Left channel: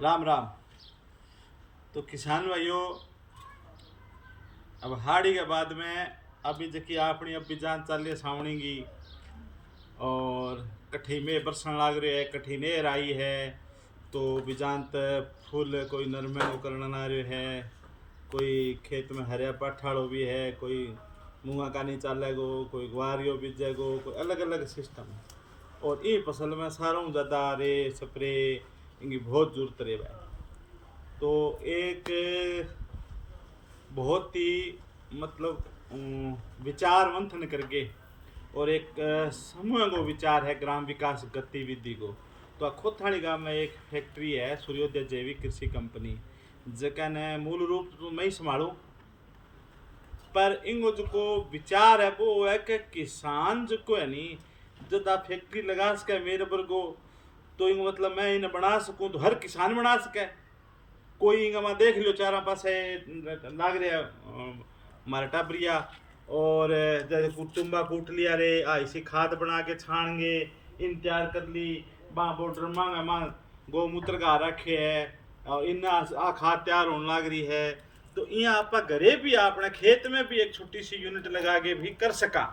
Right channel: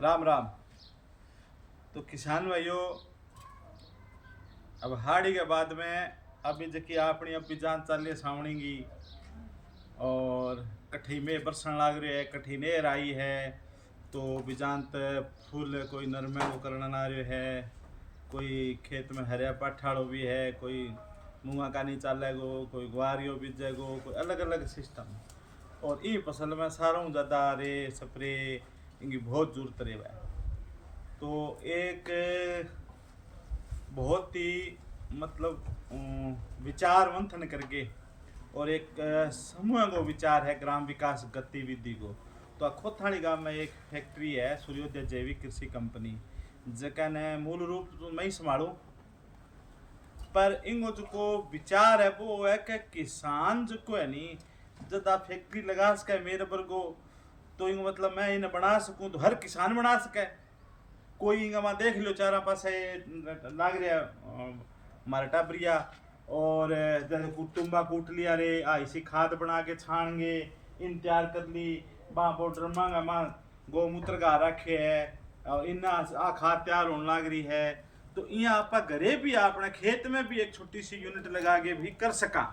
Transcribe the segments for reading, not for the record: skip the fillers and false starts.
राम राम। तो किसान भाइयों, अब हाड़ी के बाद में अभी जकी अपनी अभी जान चल रही है सावणी की, और कठी में बरसन लाग रही है, कठी नेर आई है। तो बिजानत फूल कोई नरमे को करना आ रहे है, कोई खेत में हरिया पठाड़ो भी है, कोई मूंगा का नहीं चालेगो, कोई ग्वारियो बीजेगो, कोई अलग अलग सिस्टम। और ये फसल में सारों ज़्यादा रे स्प्रे इनकी बहुत जरूरत रहे है। तो एक बहुत ही मतलब विचार मंथन करके, और एक समूह को विचार है ग्राम विकास गतिविधि को। तो खोथाणी गांव में एक फैक्ट्री है, सूर्योदय जैविक कृषि कंपनी, जका ने मूल रूप तो मैं ही संभालूं, पर इनको जो विचार है वो है कि किसान जो है नी, जब आप फैक्ट्री लगा सके मेरे पर को, तो इनको मतलब मैं इन्हें बना सकूं तो हर किसान बना सके। कोई इंगा वहाँ देख लो चारा पासे लाग रहा हमारा टाबरिया, और जैसे कुटुम्बा कूट लिया रे ऐसी खाद बना के छाणगे, इन तैयार कर ली, वहाँ बॉर्डर मांगा माँ गौमूत्र का रखे है, और इन आ खाद तैयार होने लग रही है। तो यहाँ आप घरे भी अपने खेत में भी एक छोटी सी यूनिट लगा के भी कर सका।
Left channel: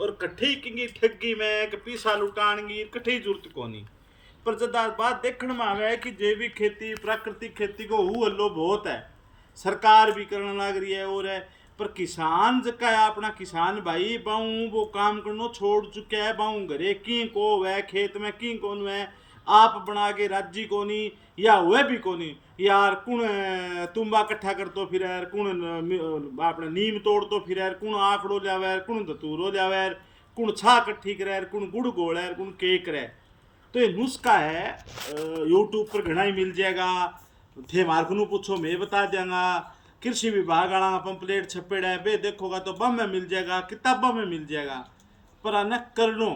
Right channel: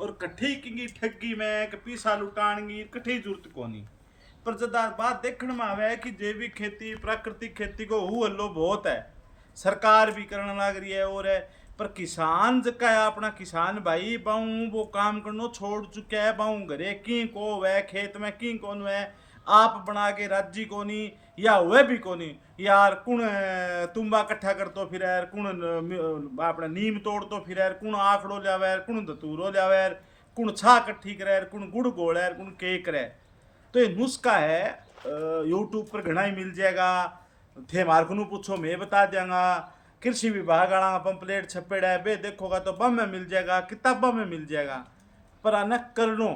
और कठी की ठगी में पीसा लुटाणगी कठी जरूरत को नहीं। पर जब बात देखने में आवे है कि जैविक खेती प्राकृतिक खेती को हु हल्लो बहुत है, सरकार भी करने लग रही है और है, पर किसान जका है अपना किसान भाई बाऊ वो काम करना छोड़ चुके है। बाऊ घरे की को वह खेत में की कौन है, आप बना के राजी को नहीं, या हुए भी को नहीं यार। कुण तुम्बा इकट्ठा कर तो फिर यार, कुण अपने नीम तोड़ तो फिर यार, कुण आकड़ो लियावे यार, कुण धतूरो लियावे यार, कुण छा इकट्ठी करे यार, कुण गुड़ गोड़ यार, कुण के करे। तो ये नुस्खा है, यूट्यूब पर घना ही मिल जाएगा। थे मार्क नू पूछो मैं बता देंगा। कृषि विभाग वाला पंपलेट छपेड़ा है बे, देखोगा तो बम में मिल जाएगा, किताबों में मिल जाएगा। पर आना कर लो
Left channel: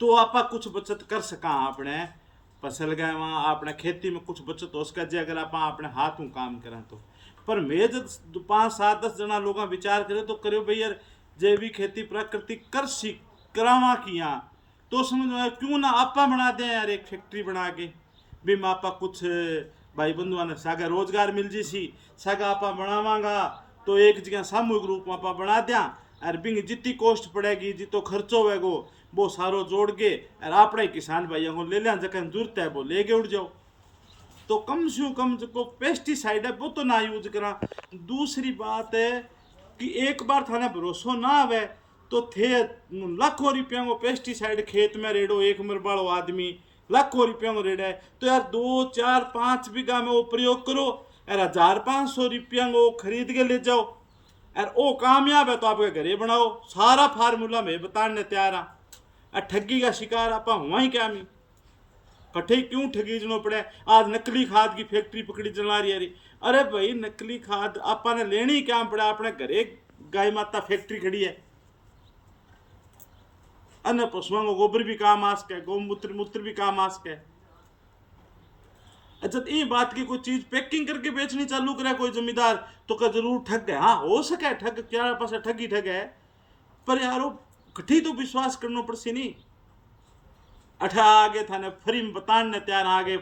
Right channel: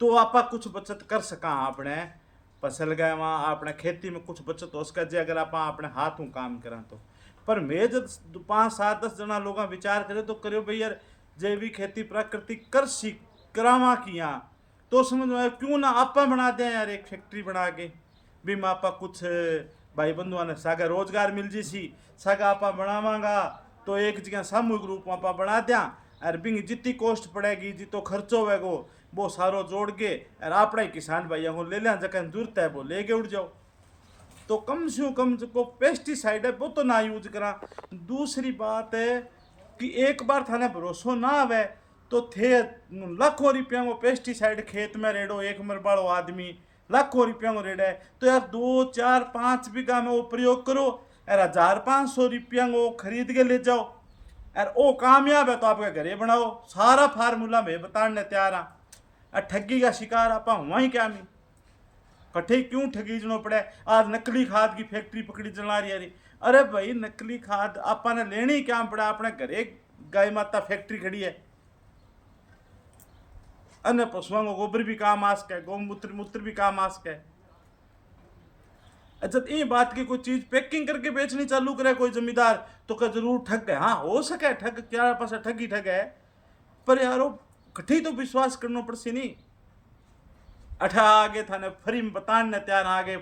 तो आप कुछ बचत कर सका अपने फसल गए वहाँ अपने खेती में कुछ बचत हो सका जे अगर आप अपने हाथों काम करें तो। पर मैं जब 5 7 10 जना लोग विचार करे तो करो भाई यार, जैविक खेती प्राकृतिक कृषि करावा किया, तो समझ में क्यों ना आपा बना दें यार एक फैक्ट्री बना के। भी मैं आपा कुछ भाई बंधुआ ने सागा रोजगार मिल जी सी, सागा आपा बनावांगा तो एक जगह सामूहिक रूप में आपा बना दिया, और बिंग जितनी कॉस्ट पड़ेगी जितो खर्चो होगा वो सारो जोड़ के और अपने किसान भाइयों को ले लिया, जगह जरूरत है वो लेके उड़ जाओ। तो कम से कम जो पेस्टिसाइड है वो तो ना यूज करा। दूसरी बात है कि एक बार थाने भरोसा ना आवे तो थे लाखों रुपया को पेस्टिसाइड खेत में रेड़ो, एक मरबाड़ो आदमी लाखों रुपया को रेड़ा है, तो यार 2 4 5 बीघा में वो प्रयोग करो और 1500 रुपया को खरीद के ले जाओ, और वो कामयाब है तो आपके घरे बनाओ। सारा फार्मूला मैं बताने तैयार हाँ। और ठगी का शिकार आप वहीं क्या मी कठे क्यों ठगी जनो पड़े। आज नकली खाद की फैक्ट्री पकड़ी चला रही है। अरे भाई नकली खाद आपा ने लेनी क्या पड़ा, अपने घरे गाय माता फैक्ट्री खड़ी है, अन्य पशुओं को गोबर भी काम आ सके, गौमूत्र मूत्र भी काम आ सके। जब ये बात की कोई चीज पैकिंग करके बेचनी चालू करे कोई जमींदार तो क्या जरूर ठग गए। हाँ हो सके ठग, क्या पास ठगी ठग है, पर यारो कठी तो विश्वास करना पड़सी नहीं। अठा आगे थाने फरी में बताने तैयार आगे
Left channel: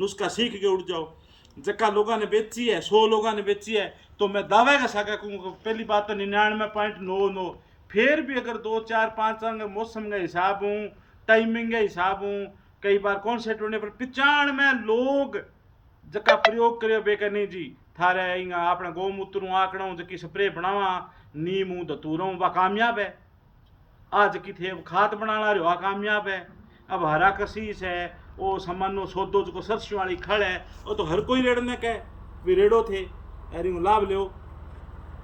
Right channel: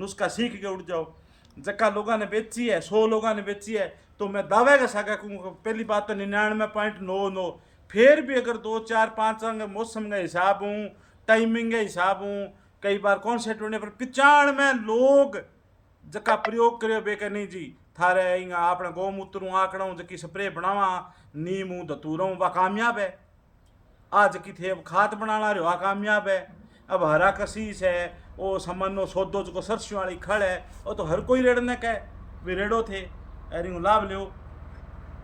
नुस्खा सीख के उड़ जाओ। जक्का लोगों ने बेची है, 100 लोगों ने बेची है, तो मैं दावे का साका कहूँगा पहली बात तो 99.99। फिर भी अगर 2 4 5 अंग मौसम का हिसाब हूँ, टाइमिंग के हिसाब हूँ, कई बार कौन से टूने पर 95 लोग जका प्रयोग करे बेकर नहीं जी थारे अपना गौमूत्र आकड़ों जकी स्प्रे बनावा, नीम धतूरों वह कामयाब है। आज की थे खाद बनाना रहा कामयाब है। अब हरा कसीस है, वो सामानो सौदो जो सरसों वाली खड़ है, वो तो हर कोई रेड़ने का भी रेड़ो थे अरे लाभ लो।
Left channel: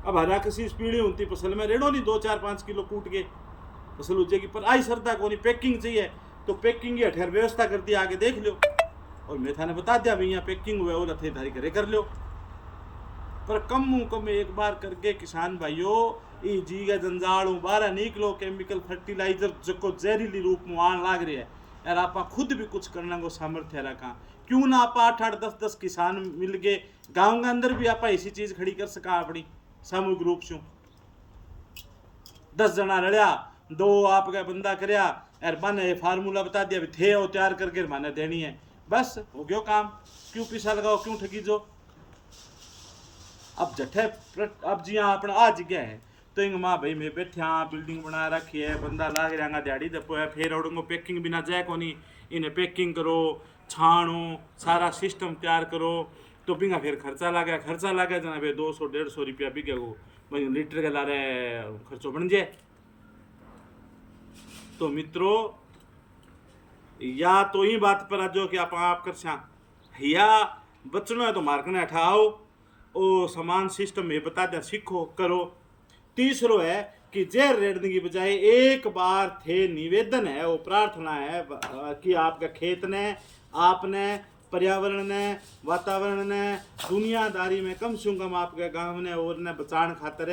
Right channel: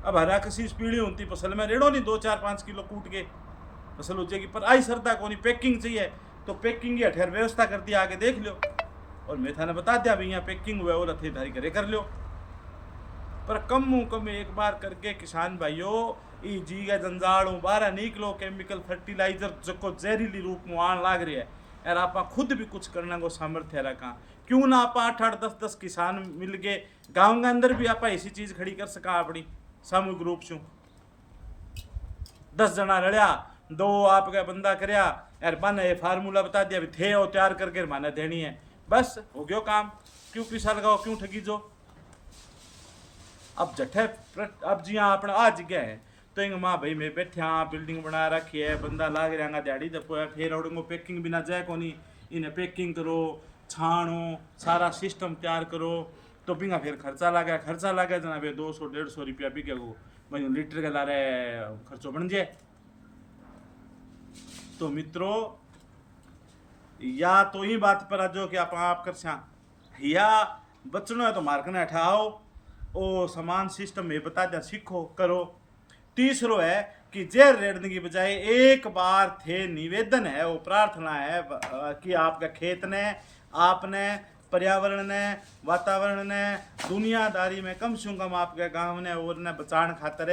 अब हरा कसीस पीढ़ी होती फसल में रेड़ो नहीं, 2 4 5 किलो कूट के फसल हो जाएगी। पर आई सरदा को नहीं पैकिंग चाहिए तो पैकिंग की अठेर व्यवस्था कर दी, आगे देख लो। और मैं थाने बता दिया भाई यहाँ पैकिंग हुआ और थे थारी घरे कर लो। पर कम एक बार करके किसान भाइयों ई जी का जंजाल बारह निकलो, केमिकल फर्टिलाइजर जो जहरीली रूप में आन लाग रही है यार, आप खुद भी कुछ करने को सामर्थ्य रखा। क्यों ना आप 8 8 10 10 किसान मिल के गाँव के अंदर भी आप ऐसी चीज खड़ी कर सका अपनी सामूहिक रूप से। 10 जना लड़िया, 2 आपका बंदा करया यार, माने ये फार्मूला बता दिया थे और तैयार करके माने देनी है, बस हो गयो काम। क्यों पैसा लगाओ, क्यों ठगी जो। अब जठे अब जिया अपना आ जगह है तो इंग माँ भाई मैं बैठा बिल्डिंग बना रखी है, बंदा लाग रहा दिहाड़ी दपो है, फिर उड़ंगो पैकिंग बिना जाए को नहीं, इन्हें पैकिंग करो, छानो, सारा सिस्टम तैयार करो, तो बिना फिर खर्चा लागे जना फिर 200-150 रुपया बिके वो भाई लीटर के लारे खर्चो बन जाए। तो मित्रों या तो ही बात पर आजो कि आप कर स्या या बचना है तो मार्कने उठाओ ओ समान सिस्टम में बता दिया, सीखो करो। तीसरो है कि जेर रेड़ने की बजाय एक बार थे निवेदन है, वो प्रार्थना है कि आपका खेत ने, आपने, पर्यावरण ने, वातावरण ने, दुनियादारी में कम से कम आपके गांव ने और ने बचाने खातर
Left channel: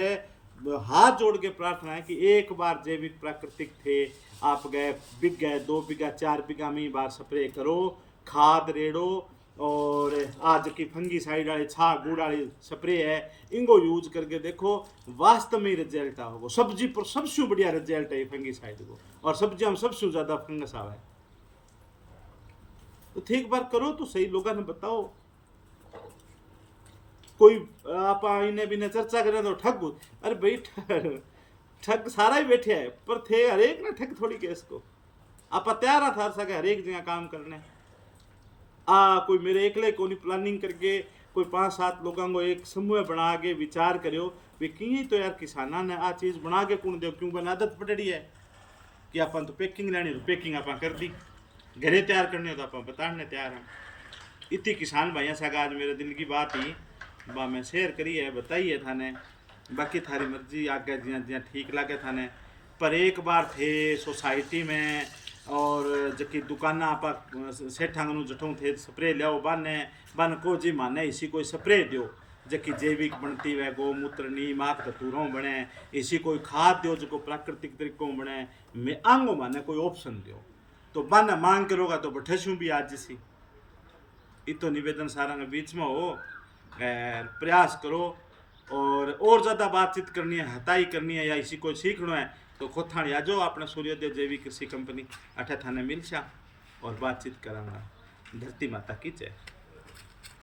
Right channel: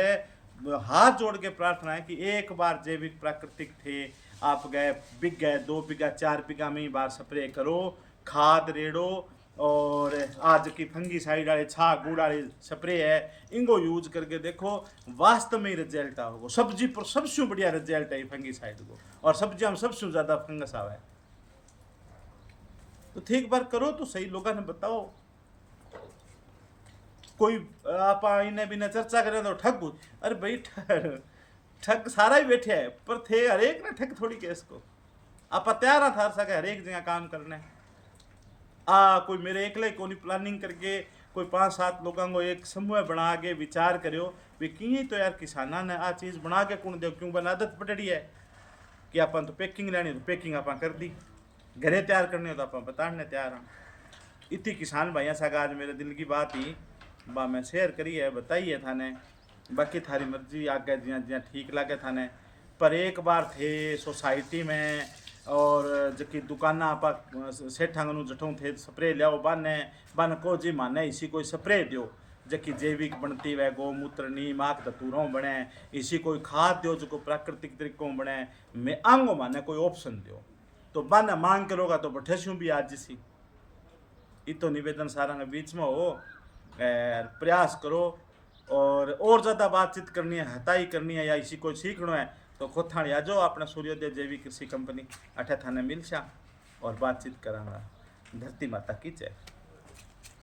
हाथ जोड़ के प्रार्थना है कि एक बार जैविक प्राकृतिक थे आप गए बिक गए 2 बीघा 4 बीघा में ही बार स्प्रे करो, खाद रेड़ो, और आज की फंगी साइड वाले छा गुड़ वाले स्प्रे है इनको यूज करके देखो, वास्तव में रिजल्ट आओगे। सब्जी पर सबसे बढ़िया रिजल्ट है फंगी साइड को, और सब्जियां में सबसे ज्यादा फंगस आवा है। तो ठीक बार करो तो सही, लोगों ने बताओ। कोई आप इन्हें भी चर्चा करें तो ठग, अरे भाई ठग सारा ही बैठे है, पर थे हरेक ने ठग थोड़ी के इसको आप तैयार था सके हरेक जगह काम करने। कोई मेरे एकले को नहीं प्लानिंग करके कोई 5-7 लोगों को एक समूह बना के विचार करो वे की तो यार किसाना ने आ चीज़ बना के कौन दो, क्यों बना आदत पड़ी है कि अपन तो पैकिंग लेनी तो पैकिंग आप कर दी, घरे तैयार करने हो तो आप बताने तैयार हैं। इतनी किसान भाइयों से आज मेरे दिल की बात ही बा मैं शेयर करी है, बताई है थाने, बाकी थारी मर्जी आगे जिया जिया ठीक लगे थाने। पर एक बार थे सोसाइटी में और जबकि दुकाना आप सेठांग जठों थे स्प्रे लियाओ बन को जी माने इसी कोई स्प्रे दो जबकि जैविक बनती है, गौमूत्र नीम आख धतूरों बने, इसी कोई खाद दो जो प्राकृतिक तरीकों बने, मैं आंगो माने कोई ऑप्शन दो, तो बन मांग करोगा तो बैठे भी आज सी। इतो निवेदन सारा के बीच में हो प्रयास करो, और ज़्यादा बातचीत करनी है, हताई करनी है या इसी को सीखना है तो खोथाण या जो अपना सूर्योदय जैविक कृषि कंपनी अठे थाने मिलशा और बातचीत करांगा। धरती माता की जय।